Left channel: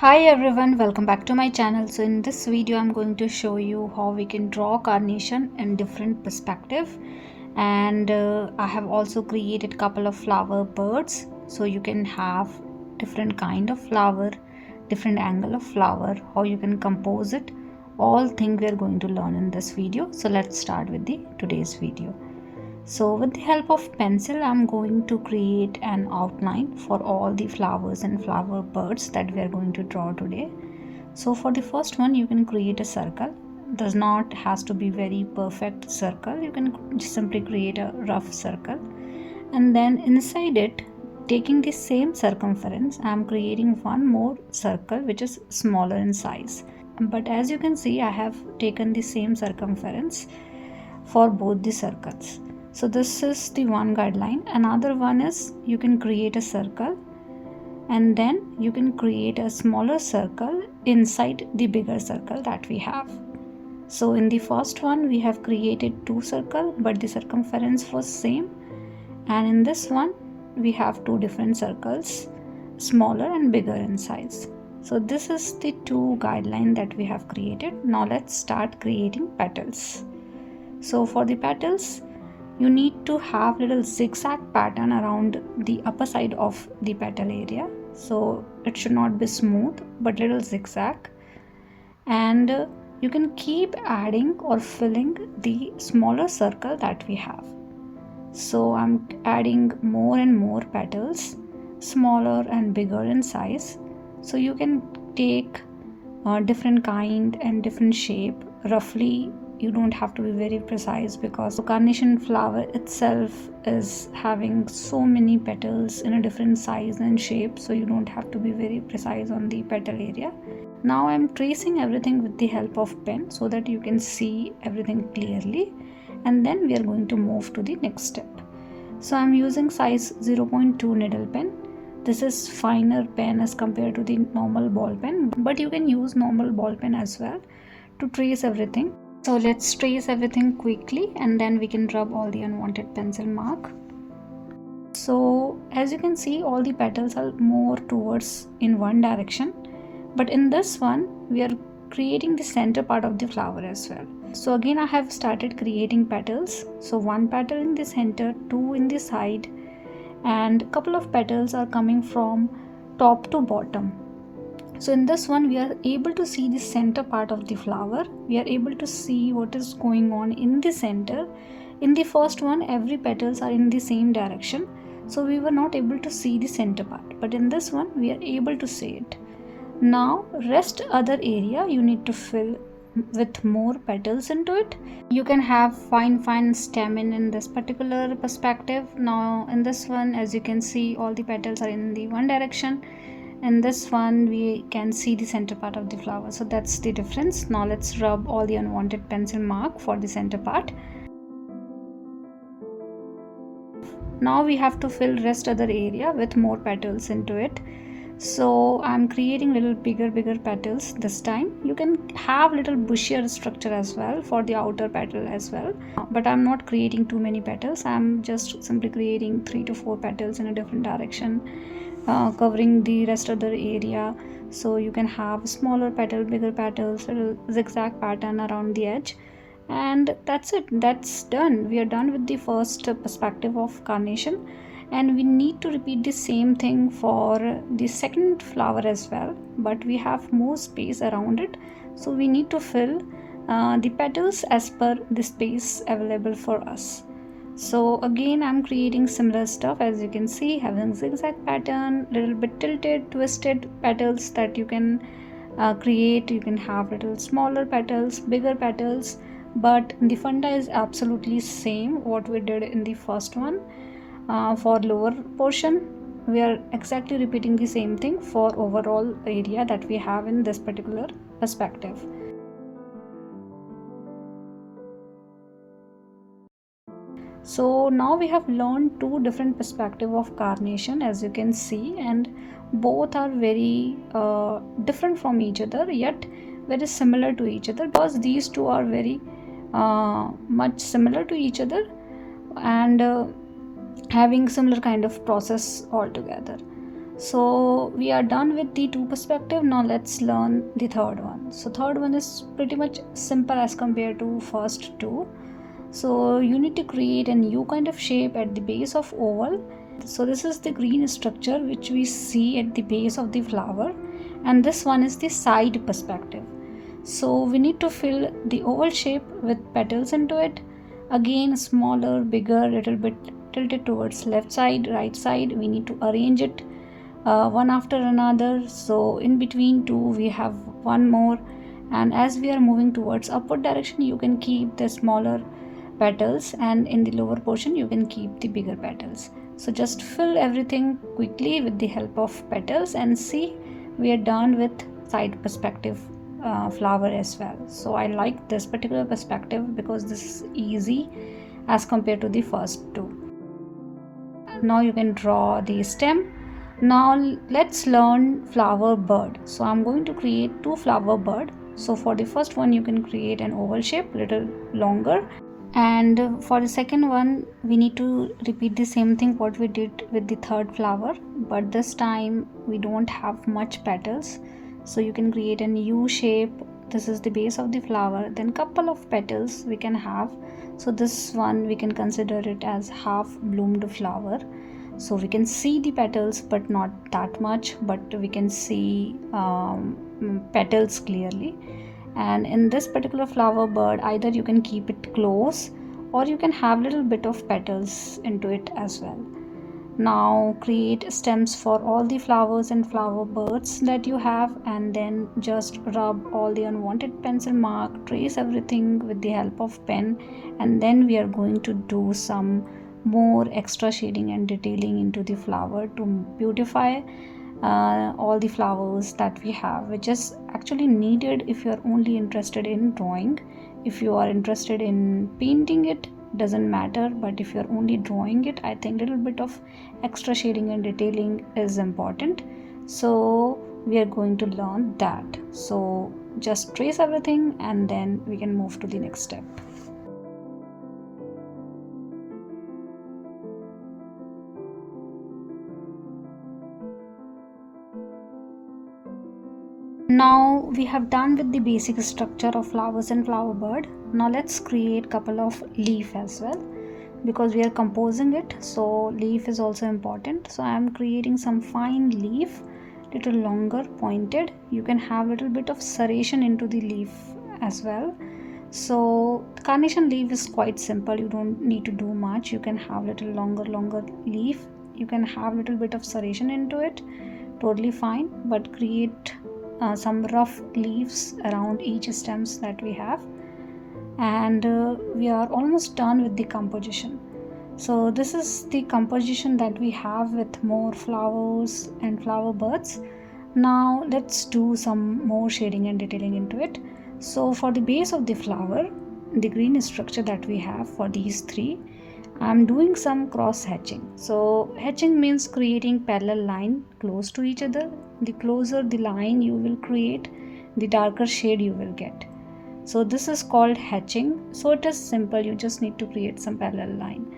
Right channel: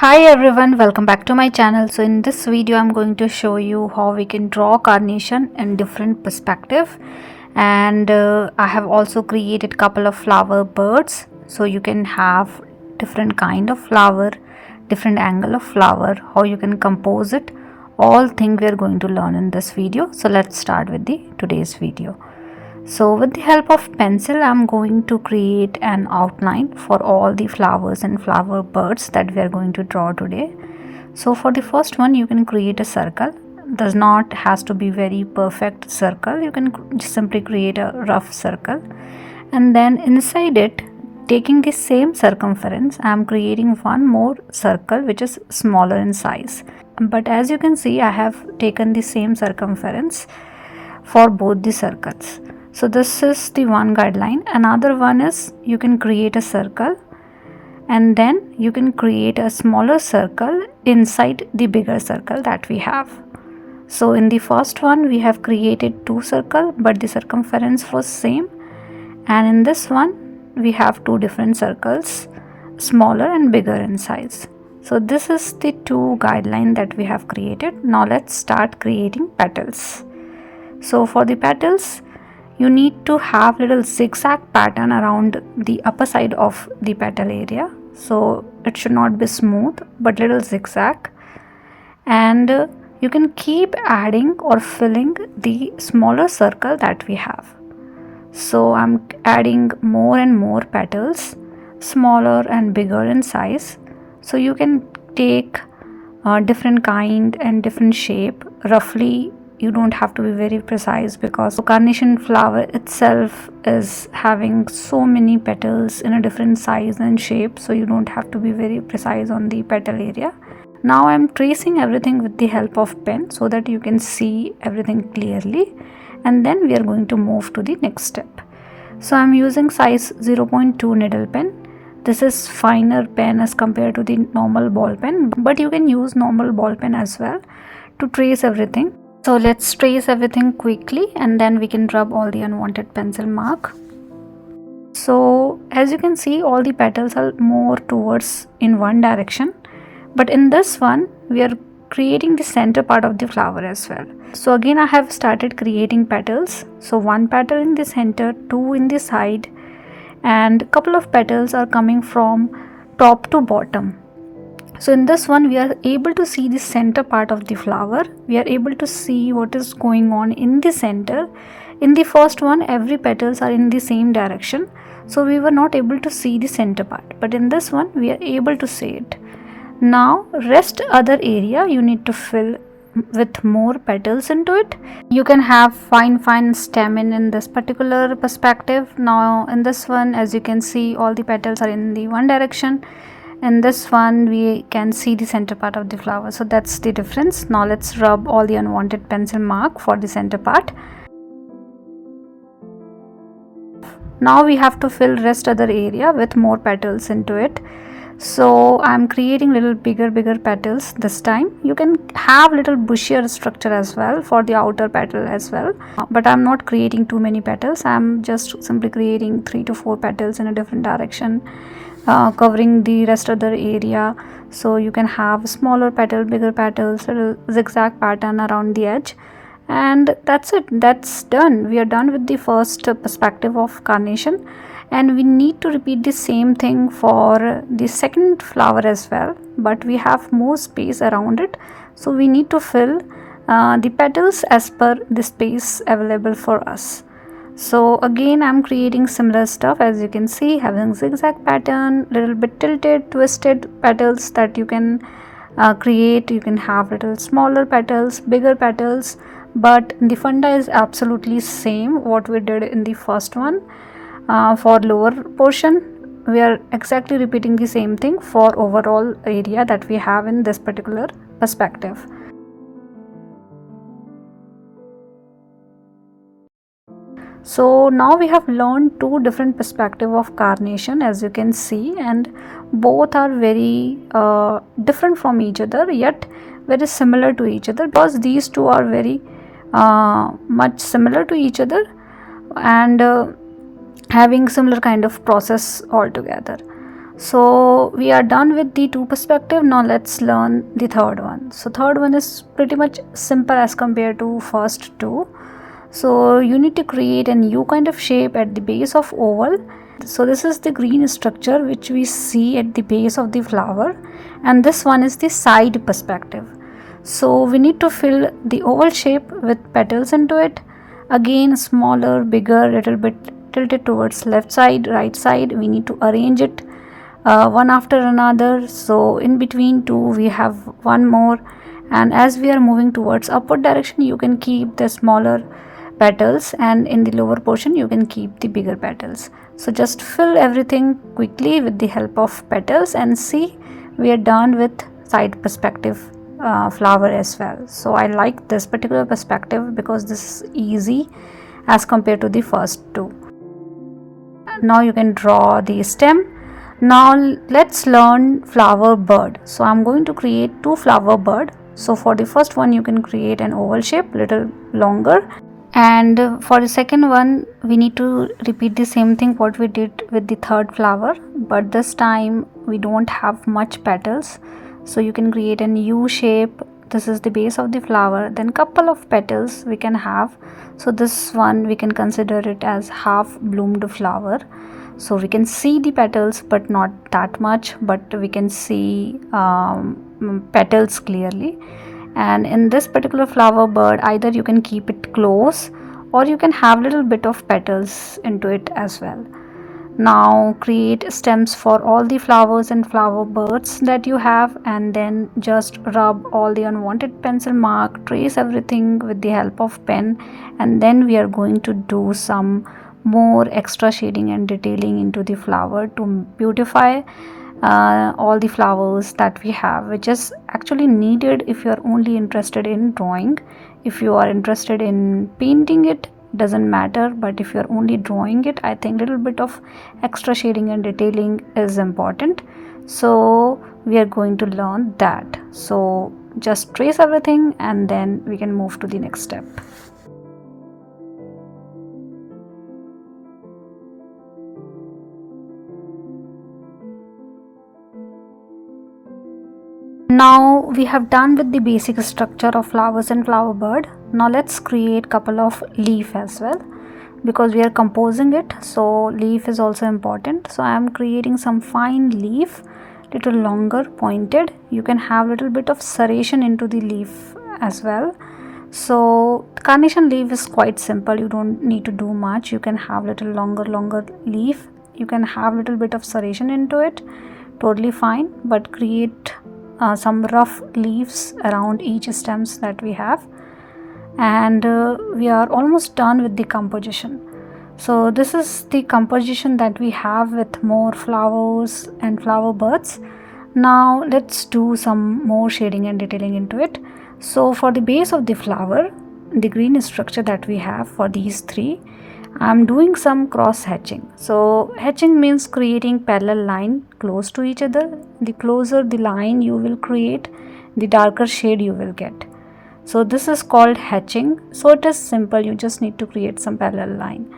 Hi everyone, welcome back to my channel. So in this video I'm going to show you how we can draw carnation in different perspective, and I have also created couple of flower birds, so you can have different kind of flower, different angle of flower, how you can compose it. All things we are going to learn in this video. So let's start with the today's video. So with the help of pencil, I'm going to create an outline for all the flowers and flower birds that we are going to draw today. So for the first one, you can create a circle. Does not has to be very perfect circle. You can just simply create a rough circle, and then inside it, taking the same circumference, I'm creating one more circle which is smaller in size. But as you can see, I have taken the same circumference for both the circles. So this is the one guideline. Another one is you can create a circle and then you can create a smaller circle inside the bigger circle that we have. So in the first one we have created two circles, but the circumference was same, and in this one we have two different circles, smaller and bigger in size. So this is the two guideline that we have created. Now let's start creating petals. So for the petals, you need to have little zigzag pattern around the upper side of the petal area. So it should not be smooth but little zigzag, and you can keep adding or filling the smaller circle that we have. So I'm adding more and more petals, smaller and bigger in size. So you can take different kind and different shape roughly. You don't have to be very precise because carnation flower itself is having so many petals in a different size and shape, so you don't have to be very precise on the petal area. Now I'm tracing everything with the help of pen so that you can see everything clearly, and then we are going to move to the next step. So I'm using size 0.2 needle pen. This is finer pen as compared to the normal ball pen, but you can use normal ball pen as well to trace everything. So let's trace everything quickly and then we can rub all the unwanted pencil mark. So as you can see, all the petals are more towards in one direction, but in this one we are creating the center part of the flower as well. So again I have started creating petals. So one petal in the center, two in the side, and couple of petals are coming from top to bottom. So in this one we are able to see the center part of the flower. We are able to see what is going on in the center. In the first one, every petals are in the same direction, so we were not able to see the center part, but in this one we are able to see it. Now rest other area you need to fill with more petals into it. You can have fine stem in this particular perspective. Now in this one, as you can see, all the petals are in the one direction. In this one we can see the center part of the flower, so that's the difference. Now let's rub all the unwanted pencil mark for the center part. Now we have to fill rest other area with more petals into it. So I'm creating little bigger petals this time. You can have little bushier structure as well for the outer petal as well, but I'm not creating too many petals. I'm just simply creating 3 to 4 petals in a different direction, covering the rest of the area. So you can have smaller petal, bigger petals, little zigzag pattern around the edge, and that's it. That's done. We are done with the first perspective of carnation, and we need to repeat the same thing for the second flower as well, but we have more space around it, so we need to fill the petals as per the space available for us. So again I'm creating similar stuff, as you can see, having zigzag pattern, little bit tilted, twisted petals that you can create. You can have little smaller petals, bigger petals, but the funda is absolutely same what we did in the first one. For lower portion we are exactly repeating the same thing for overall area that we have in this particular perspective. So now we have learned two different perspectives of carnation, as you can see, and both are very different from each other, yet very similar to each other, because these two are very much similar to each other and having similar kind of process altogether. So we are done with the two perspective. Now let's learn the third one. So third one is pretty much simple as compared to first two. So you need to create a new kind of shape at the base of oval. So this is the green structure which we see at the base of the flower, and this one is the side perspective. So we need to fill the oval shape with petals into it. Again, smaller, bigger, little bit tilted towards left side, right side. We need to arrange it one after another. So in between two we have one more, and as we are moving towards upward direction, you can keep the smaller petals, and in the lower portion you can keep the bigger petals. So just fill everything quickly with the help of petals, and see, we are done with side perspective flower as well. So I like this particular perspective because this is easy as compared to the first two. Now you can draw the stem. Now let's learn flower bird. So I'm going to create two flower bird. So for the first one you can create an oval shape, little longer, and for the second one we need to repeat the same thing what we did with the third flower, but this time we don't have much petals. So you can create a U shape. This is the base of the flower, then couple of petals we can have. So this one we can consider it as half bloomed flower. So we can see the petals but not that much, but we can see petals clearly. And in this particular flower bird, either you can keep it close or you can have little bit of petals into it as well. Now create stems for all the flowers and flower birds that you have, and then just rub all the unwanted pencil mark, trace everything with the help of pen, and then we are going to do some more extra shading and detailing into the flower to beautify all the flowers that we have, which is actually needed if you are only interested in drawing. If you are interested in painting, it doesn't matter, but if you are only drawing it, I think little bit of extra shading and detailing is important. So we are going to learn that. So just trace everything and then we can move to the next step. Now we have done with the basic structure of flowers and flower bird. Now let's create couple of leaf as well, because we are composing it, so leaf is also important. So I am creating some fine leaf, little longer, pointed. You can have little bit of serration into the leaf as well. So carnation leaf is quite simple, you don't need to do much. You can have little longer leaf, you can have little bit of serration into it, totally fine, but create some rough leaves around each stems that we have. And we are almost done with the composition. So this is the composition that we have with more flowers and flower birds. Now let's do some more shading and detailing into it. So for the base of the flower, the green structure that we have for these three, I'm doing some cross hatching. So hatching means creating parallel line close to each other. The closer the line you will create, the darker shade you will get. So this is called hatching. So it is simple, you just need to create some parallel line.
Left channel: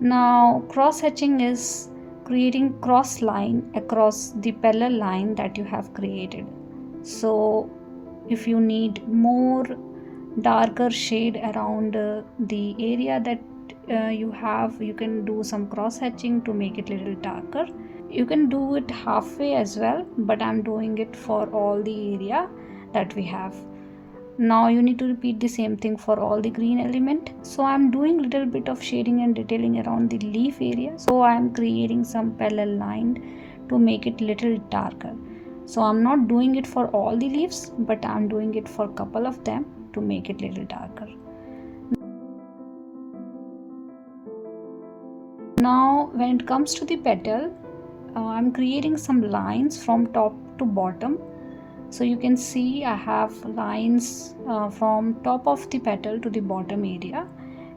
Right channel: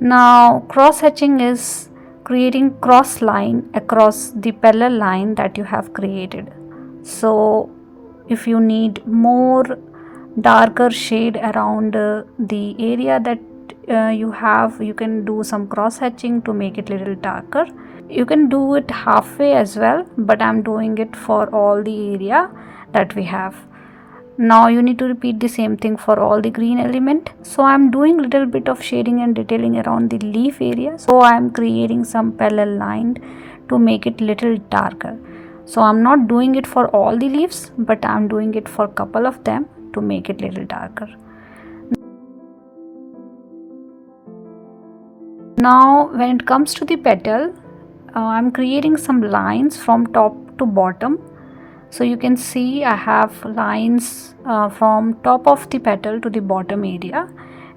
Now cross hatching is creating cross line across the parallel line that you have created. So if you need more darker shade around the area that you have, you can do some cross hatching to make it little darker. You can do it halfway as well, but I'm doing it for all the area that we have. Now you need to repeat the same thing for all the green element. So I'm doing little bit of shading and detailing around the leaf area. So I'm creating some parallel line to make it little darker. So I'm not doing it for all the leaves, but I'm doing it for a couple of them to make it little darker. Now when it comes to the petal, I'm creating some lines from top to bottom. So you can see I have lines from top of the petal to the bottom area,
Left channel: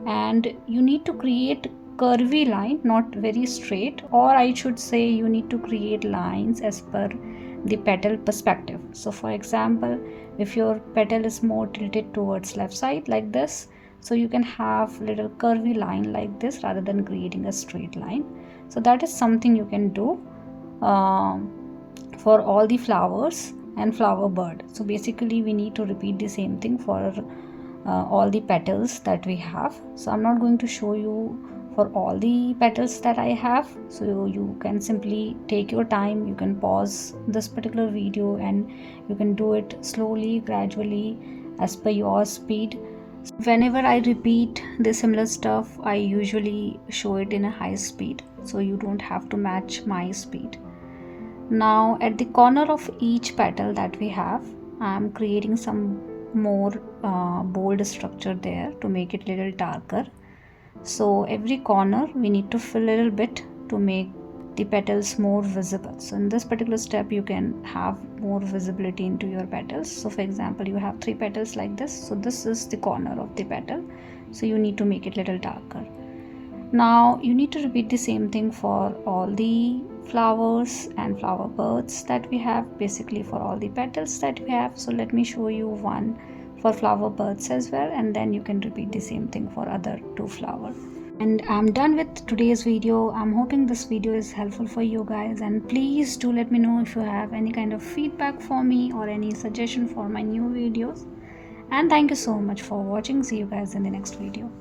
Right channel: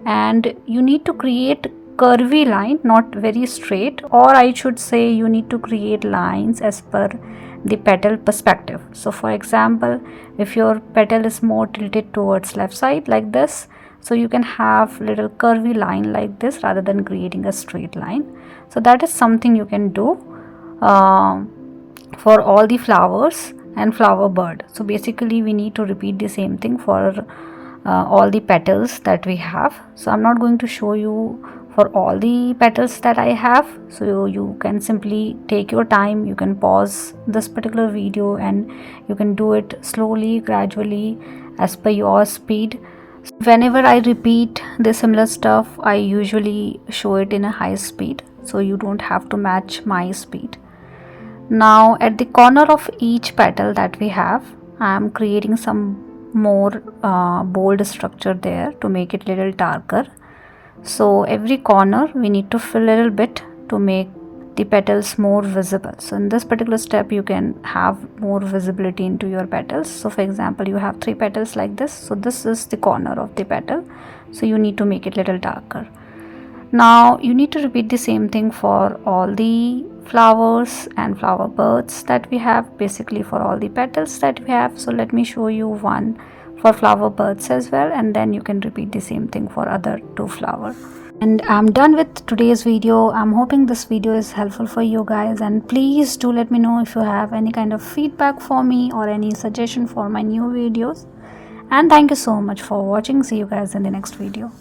and you need to create curvy line, not very straight, or I should say you need to create lines as per the petal perspective. So for example, if your petal is more tilted towards left side like this, so you can have little curvy line like this rather than creating a straight line. So that is something you can do for all the flowers and flower bird. So basically we need to repeat the same thing for all the petals that we have. So I'm not going to show you for all the petals that I have, so you can simply take your time. You can pause this particular video and you can do it slowly, gradually, as per your speed. Whenever I repeat the similar stuff, I usually show it in a high speed, so you don't have to match my speed. Now at the corner of each petal that we have, I am creating some more bold structure there to make it little darker. So every corner we need to fill a little bit to make the petals more visible. So in this particular step you can have more visibility into your petals. So for example, you have 3 petals like this, so this is the corner of the petal, so you need to make it little darker. Now you need to repeat the same thing for all the flowers and flower birds that we have, basically for all the petals that we have. So let me show you one for flower birds as well, and then you can repeat the same thing for other 2 flowers. And I'm done with today's video. I'm hoping this video is helpful for you guys, and please do let me know if you have any kind of feedback for me or any suggestion for my new videos. And thank you so much for watching. See you guys in the next video.